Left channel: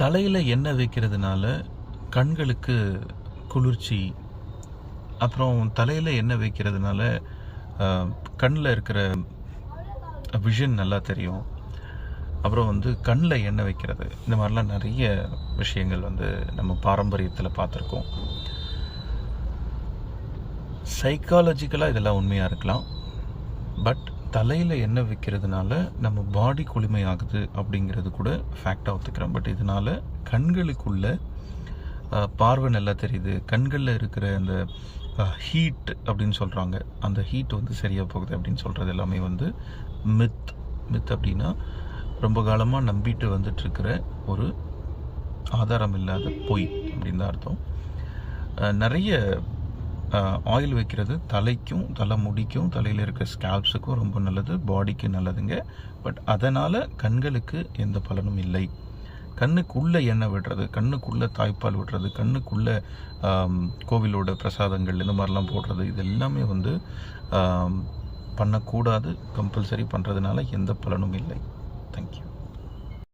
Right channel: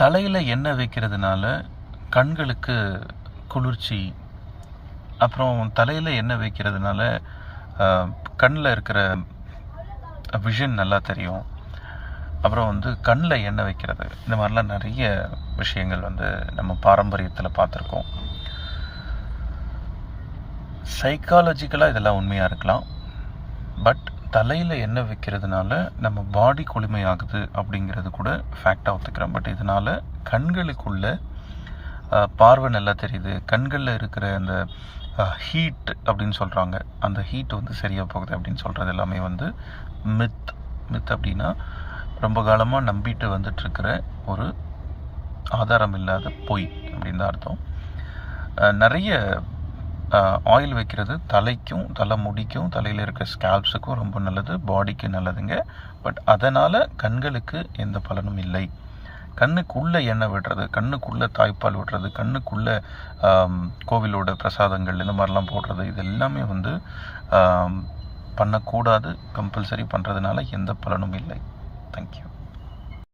தலையில் எண்ணெய் வைக்கிறதுனால கண்களுக்கு குளிர்ச்சி அப்புறம் தலையில் எண்ணெய் வைக்கிறதுனால கண்ணில் இருக்கிற விஷன் நல்லா தெரியும். அப்புறம் வந்து கண்ணில் எண்ணெய் வைக்கிறது. இந்த மாதிரிலாம் நிறைய விஷயங்கள் வந்து நம்ம பாரம்பரியத்தில் பார்த்துருக்கோம். சைக்காலஜிக்கலாக இதெல்லாம் உண்மையாக இருக்கலாம். பட் தலையில் எண்ணெய் வைக்கிறதுனால நம்ம பாடி குளுமையாகுது அப்படிங்கிறது கூட ஃபேக்டாக ஒத்துக்கிறேன். பட் இதனால் கண்களுக்குள்ள பார்வை நல்லா தெரியுது. கண்களில் இருக்கிற அந்த ஹீட் அப்படின்னு சொல்கிறாங்க அந்த ஹீட் வந்து சரியாக போகுது அப்படின்னு சொல்கிறது எல்லாமே வந்து மித் மித் அப்படின்னா ரொம்ப காலமாக நம்பிட்டு வந்துட்டுருக்கிற ஒரு ஆதாரம் இல்லாத பொய் அப்படின்னு தான் அர்த்தம். நிறைய ஆயில் வைக்கிறது தலைக்கும் தலை முடிக்கும் தலையில் இருக்கிற ஸ்கேல்ப்ஸுக்கும் ரொம்ப நல்லது பாடிக்கு நல்லதுங்க. பட் அதனால் கண்களுக்கு எந்த பலனும் இல்லை. கண்ணுக்குள்ளே எண்ணெய் விடுறது கண்ணுக்குள்ளே தாய்ப்பால் விடுறது கண்ணுக்குள்ளே கோவிலோட பிரசாதங்கள் இந்த மாதிரிலாம் போடுறது இது எல்லாமே வந்து பண்ணக்கூடாது கம்பல்சரி பண்ணுறதுனால எந்த பலனும் இல்லை. தேங்க்யூ